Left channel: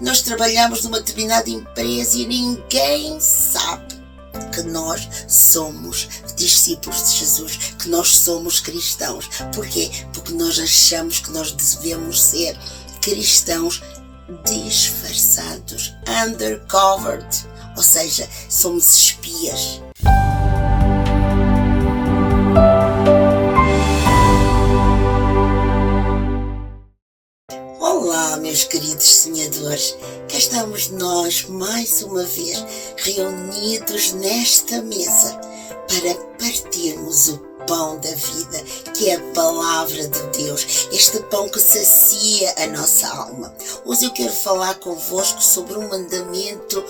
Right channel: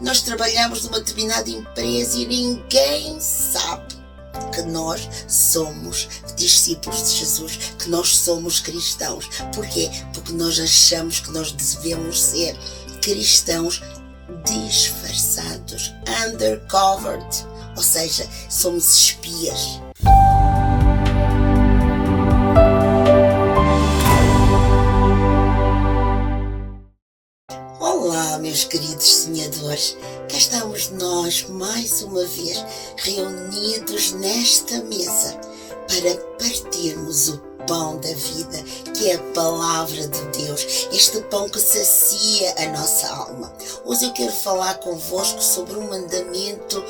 Nós trabalhamos numa determinada empresa e ninguém sabe que nós somos discípulos de Jesus, que nós somos cristãos. Porquê? Porque nós achamos que nós devemos ser cristãos disfarçados, undercovered, ou seja, somos espias. Olá, meus queridos sonhadores, cá estamos nós mais uma vez reunidos nesta mesa para partirmos o pão da vida, que é a palavra de Deus, este pão que sacia a nossa alma. Hoje eu quero falar convosco sobre um mandamento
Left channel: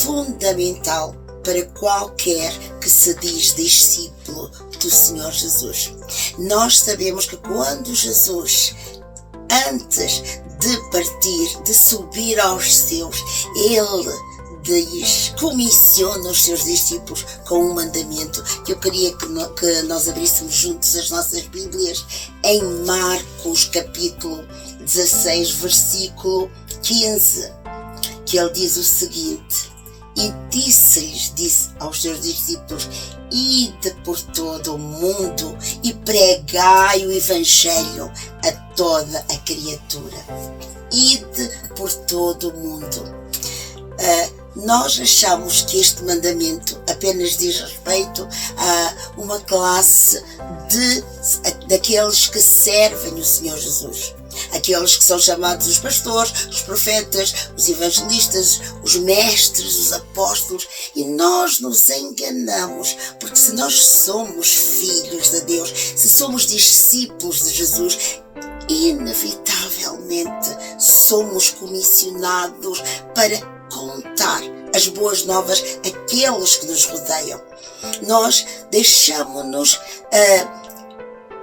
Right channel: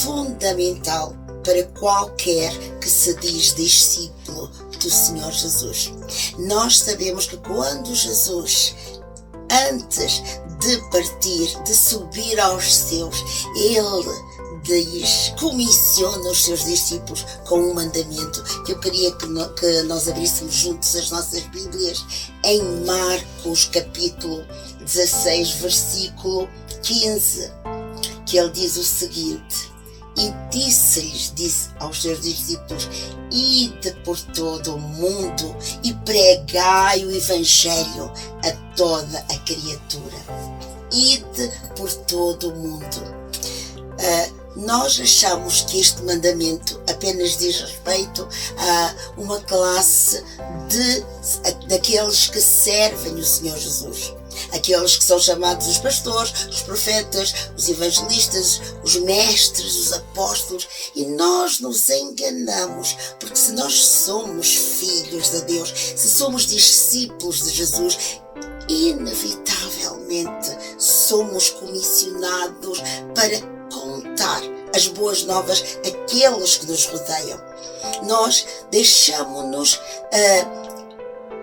fundamental para qualquer que se diz discípulo do Senhor Jesus. Nós sabemos que quando Jesus, antes de partir, de subir aos céus, Ele comissiona os seus discípulos com um mandamento que eu queria que nós abríssemos juntos as nossas Bíblias em Marcos capítulo 16, versículo 15, que ele diz o seguinte: e disse aos seus discípulos: ide por todo o mundo e pregai o Evangelho a toda a criatura. Ide por todo o mundo. Nós achamos que este mandamento apenas diz respeito a uma classe daqueles que servem o Senhor Jesus. Aqueles que são chamados os pastores, os profetas, os evangelistas, os mestres, os apóstolos. E nós nos enganamos, porque se nós somos filhos de Deus, se somos discípulos de Jesus, inevitavelmente somos comissionados para contar as boas novas àqueles que nos rodeiam. Nós deixamos-nos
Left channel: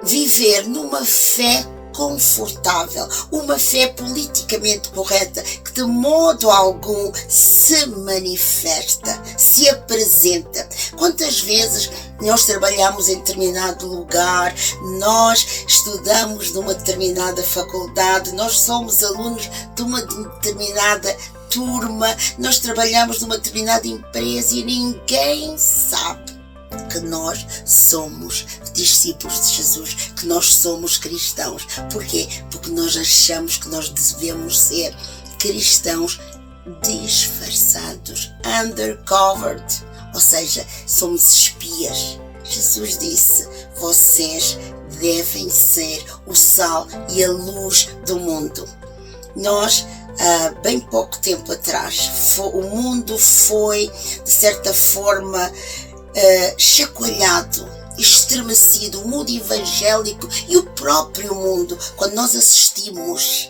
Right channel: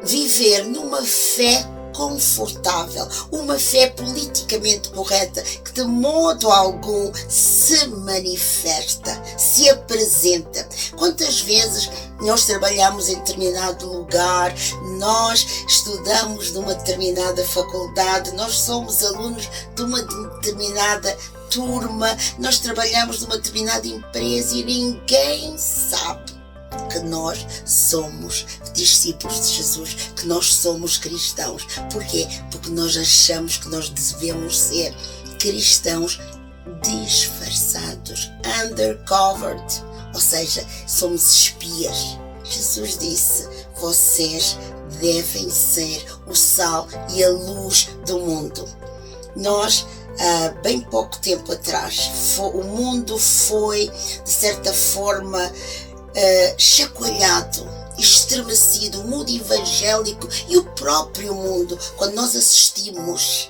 viver numa fé confortável, uma fé politicamente correta que de modo algum se manifesta, se apresenta. Quantas vezes nós trabalhamos em determinado lugar, nós estudamos numa determinada faculdade, nós somos alunos de uma determinada turma, nós trabalhamos numa determinada empresa e ninguém sabe que nós somos discípulos de Jesus, que nós somos cristãos. Porquê? Porque nós achamos que nós devemos ser cristãos disfarçados, undercovered, ou seja, somos espias. Jesus disse: vocês devem ser o sal e a luz do mundo. Nós, há bem pouco tempo atrás, o mundo foi, de certa forma, chacoalhado, estremecido, o mundo evangélico e o próprio mundo, quando nós assistimos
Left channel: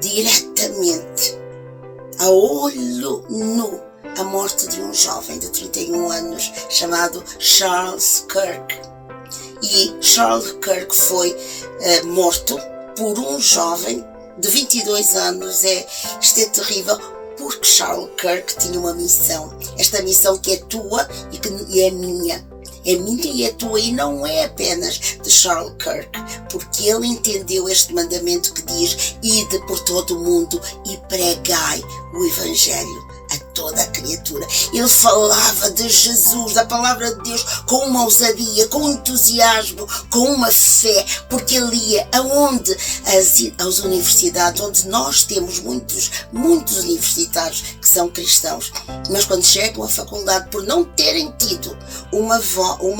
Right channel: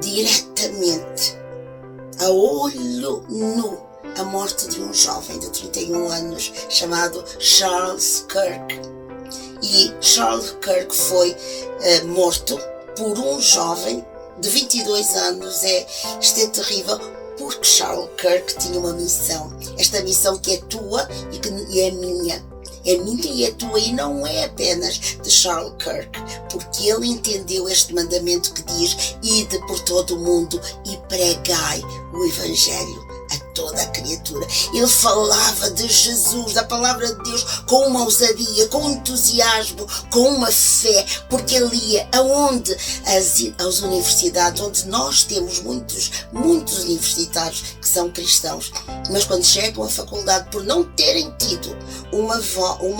diretamente, a olho nu, a morte de um jovem de 31 anos chamado Charles Kirk. E Charles Kirk foi morto por um jovem de 22 anos. Isto é terrível, porque Charles Kirk tinha uma missão. Esta missão que é tua e é minha. É minha e é tua, e não é apenas de Charles Kirk, porque ele entendeu este mandamento que diz: ide por todo o mundo e pregai o Evangelho a toda a criatura. Ele falava de Jesus, da palavra de Deus, com uma ousadia, com um entusiasmo, com uma fé, porque ele ia aonde? Às universidades, onde nós temos muitos universitários que são cristãos, mas quando chegam à faculdade, por não terem tido uma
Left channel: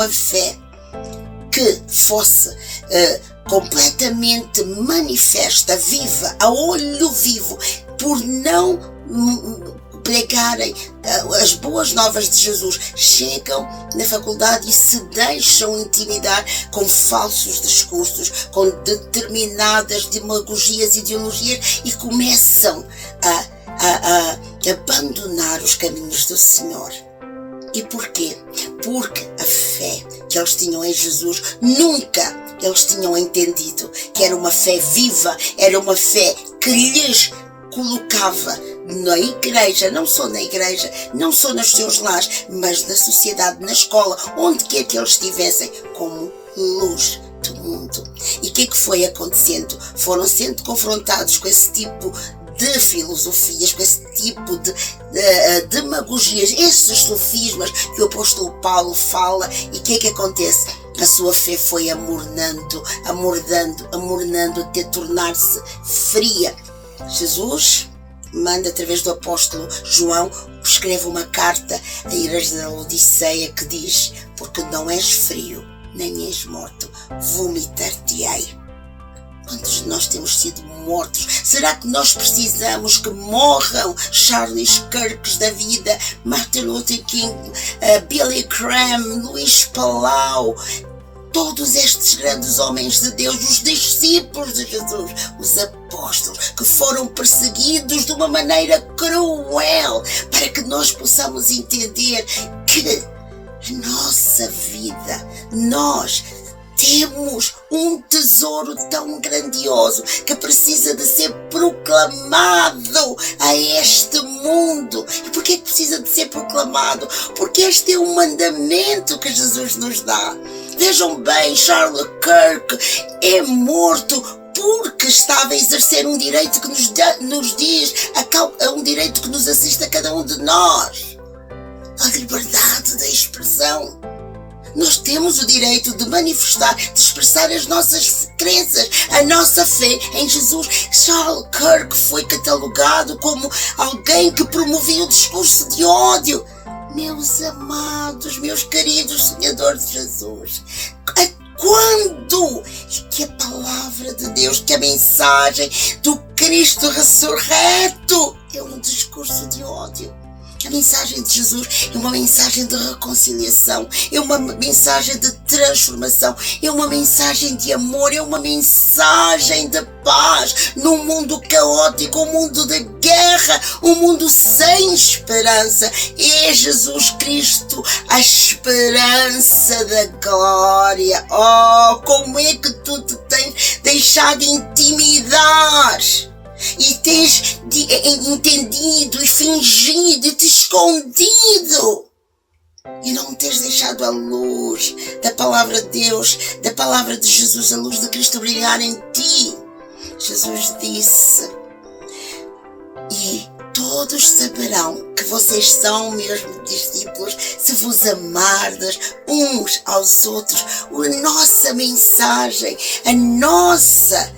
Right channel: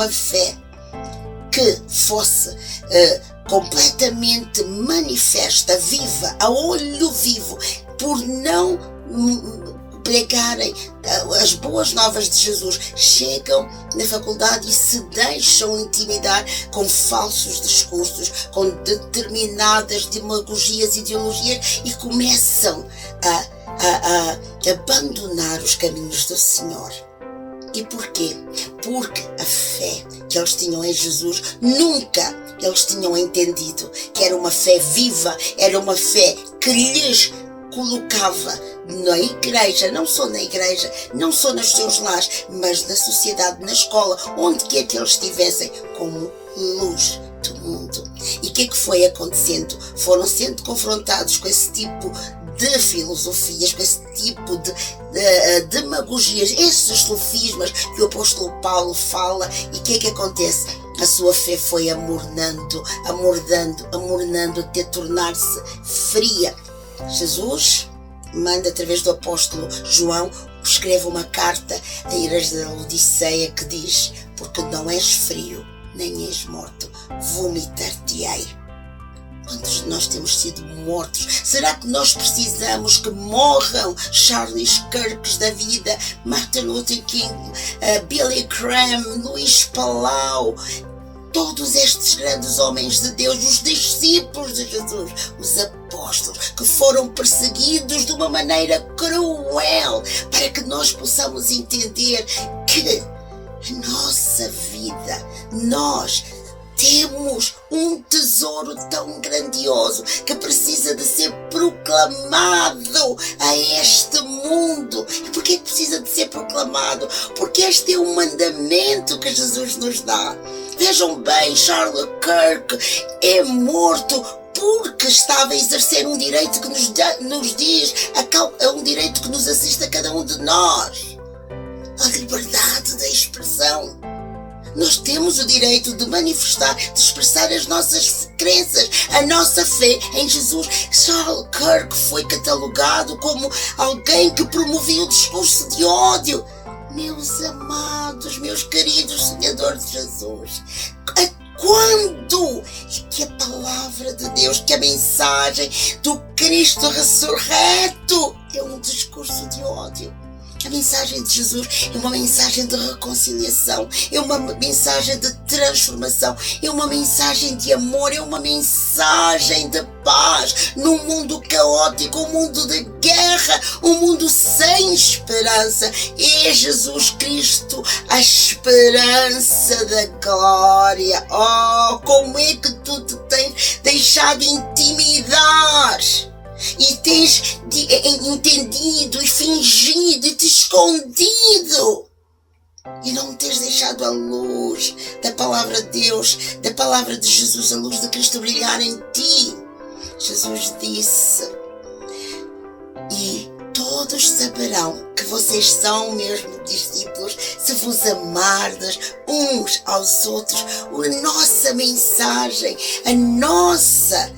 fé que fosse completamente manifesta, viva, a olho vivo, por não pregarem as boas novas de Jesus, chegam na faculdade e se deixam intimidar com falsos discursos, com determinadas demagogias, ideologias, e começam a abandonar os caminhos do Senhor. E porquê? Porque a fé que eles tinham em Jesus, nunca eles tinham entendido que era uma fé viva, era uma fé que lhes colocava na igreja, não só na igreja, não só nos seus lares, mas na sociedade, na escola, onde quer que eles estivessem, como luz do mundo. E o que é que foi acontecendo? Foram sendo confrontados com esse tipo de filosofias, com esse tipo de demagogias, esses sofismas que o apóstolo Paulo fala. E o que é que acontece? A sua fé foi amornando, até tornar-se fria. Jesus manda, através do apóstolo João, escreve uma carta à igreja da Laodiceia que diz: porque não és frio, nem és morto, vomitar-te-ei. Quantos de nós temos sido mortos? Será que nós precisamos que morram Charles Kirks da vida, Martin Luther King, Billy Graham, Luís Palau, todos estes grandes homens de Deus, os discípulos de Jesus, os apóstolos, que foram perseguidos de uma maneira cruel, para que nós possamos entender que a nossa vida, nós temos um tesouro tão grandioso que precisa de ser proclamado a este mundo. E por que precisa de ser proclamado? Porque este é um mandamento que Jesus nos dá. Vejam bem, Charles Kirk é morto porque estava a exercer um direito que nos diz, um direito que nos assiste a cada um de nós: a liberdade da expressão. Nós temos o direito de manifestar, de expressar as nossas crenças, a nossa fé em Jesus. Charles Kirk foi catalogado como alguém que promovia o discurso de ódio. Meus amados, meus queridos seguidores de Jesus, quando é que a palavra de Deus, que a mensagem do Cristo ressurreto é um discurso de ódio? A mensagem de Jesus é uma mensagem de reconciliação, é uma mensagem de transformação, é uma mensagem de amor, é uma mensagem de paz num mundo caótico, um mundo de guerra, um mundo sem esperança. É Jesus Cristo a esperança da glória. Oh, como é que tu te tens deixado intimidar? E tens entendido e fingido e te escondido, e não tens deixado a luz da palavra de Deus, da palavra de Jesus, a luz de Cristo brilhar em ti. Jesus disse: e todos saberão que vocês são mesmo discípulos se vos amardes uns aos outros. A nossa mensagem, a nossa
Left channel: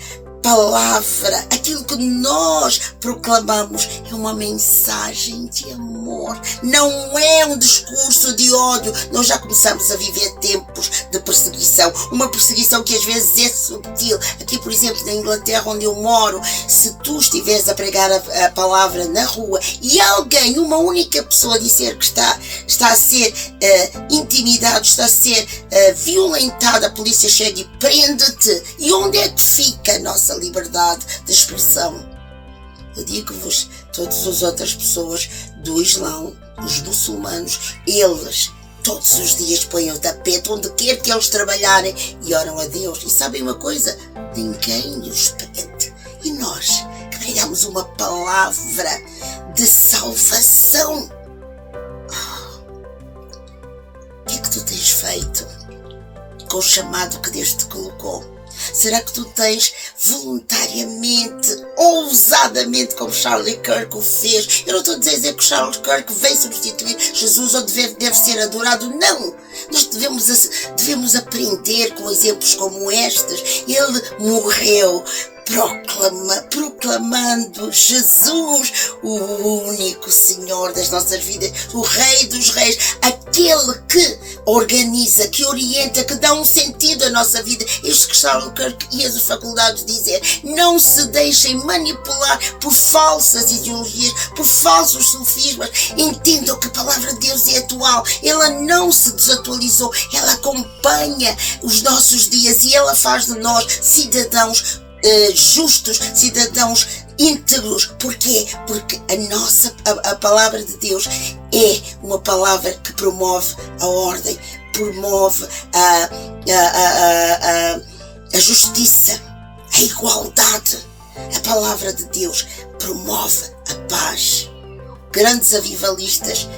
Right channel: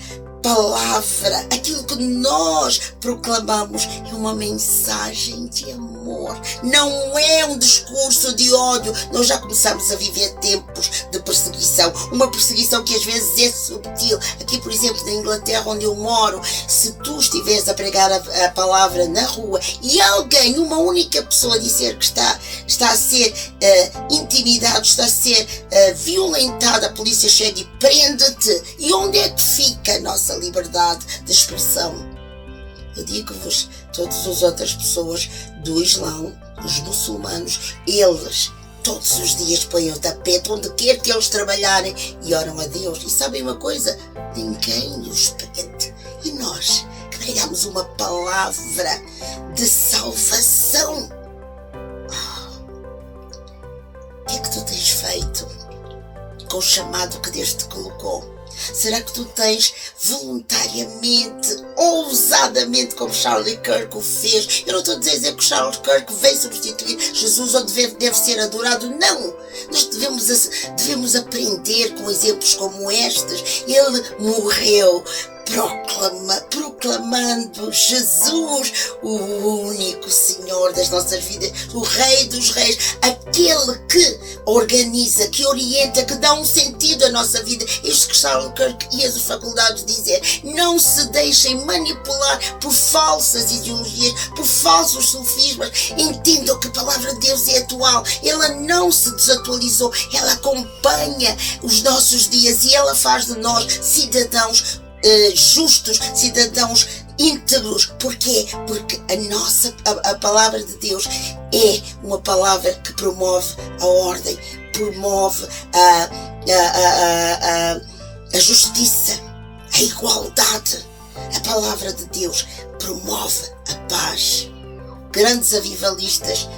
palavra, aquilo que nós proclamamos, é uma mensagem de amor, não é um discurso de ódio. Nós já começamos a viver tempos de perseguição, uma perseguição que às vezes é subtil. Aqui, por exemplo, na Inglaterra, onde eu moro, se tu estiveres a pregar a palavra na rua e alguém, uma única pessoa, disser que está a ser intimidado, está a ser violentado, a polícia chega e prende-te. E onde é que fica a nossa liberdade de expressão? Eu digo-vos, todas as outras pessoas do Islão, os muçulmanos, eles todos os dias põem o tapete onde quer que eles trabalharem e oram a Deus. E sabem uma coisa? Ninguém os prende. E nós, que pregamos uma palavra de salvação, o que é que tu tens feito com o chamado que Deus te colocou? Será que tu tens voluntariamente, ousadamente, como Charlie Kirk o fez? Eu não estou a dizer que o Charles Kirk veio substituir Jesus ou deve ser adorado. Não! Nós devemos aprender com exemplos como estes. Ele morreu proclamando Jesus, o único Senhor das nossas vidas, o Rei dos Reis, aquele que organiza, que orienta, que dá um sentido à nossa vida. Isto que Charles Kirk e as faculdades dizer: não se deixem manipular por falsas ideologias, por falsos sofismas. Entendam que a palavra de Deus é atual, ela não se desatualizou, ela acompanha os nossos dias e ela faz de nós cidadãos justos, cidadãos íntegros. Porquê? Porque a palavra de Deus é uma palavra que promove a ordem, promove a justiça, a igualdade. A palavra de Deus promove a paz. Grandes avivalistas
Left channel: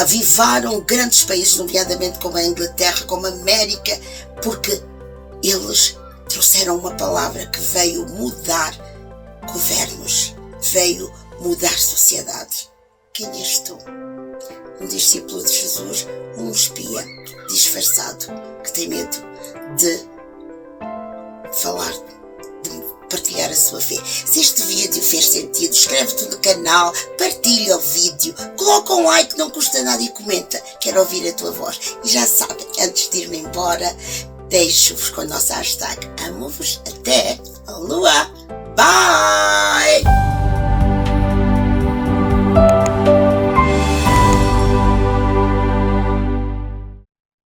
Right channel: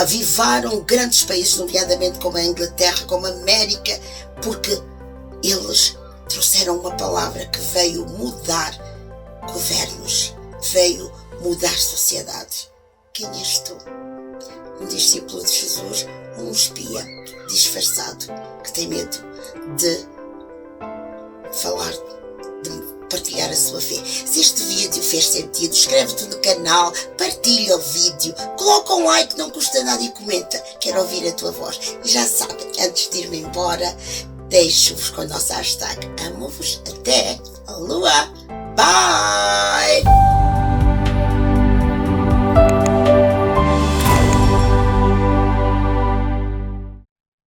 avivaram grandes países, nomeadamente como a Inglaterra, como a América, porque eles trouxeram uma palavra que veio mudar governos, veio mudar sociedades. Quem és tu? Um discípulo de Jesus ou um espia disfarçado que tem medo de falar, de partilhar a sua fé? Se este vídeo fez sentido, inscreve-te no canal, partilha o vídeo, coloca um like, não custa nada, e comenta. Quero ouvir a tua voz. E já sabem, antes de ir-me embora, deixo-vos com a nossa hashtag amo-vos até a lua. Bye!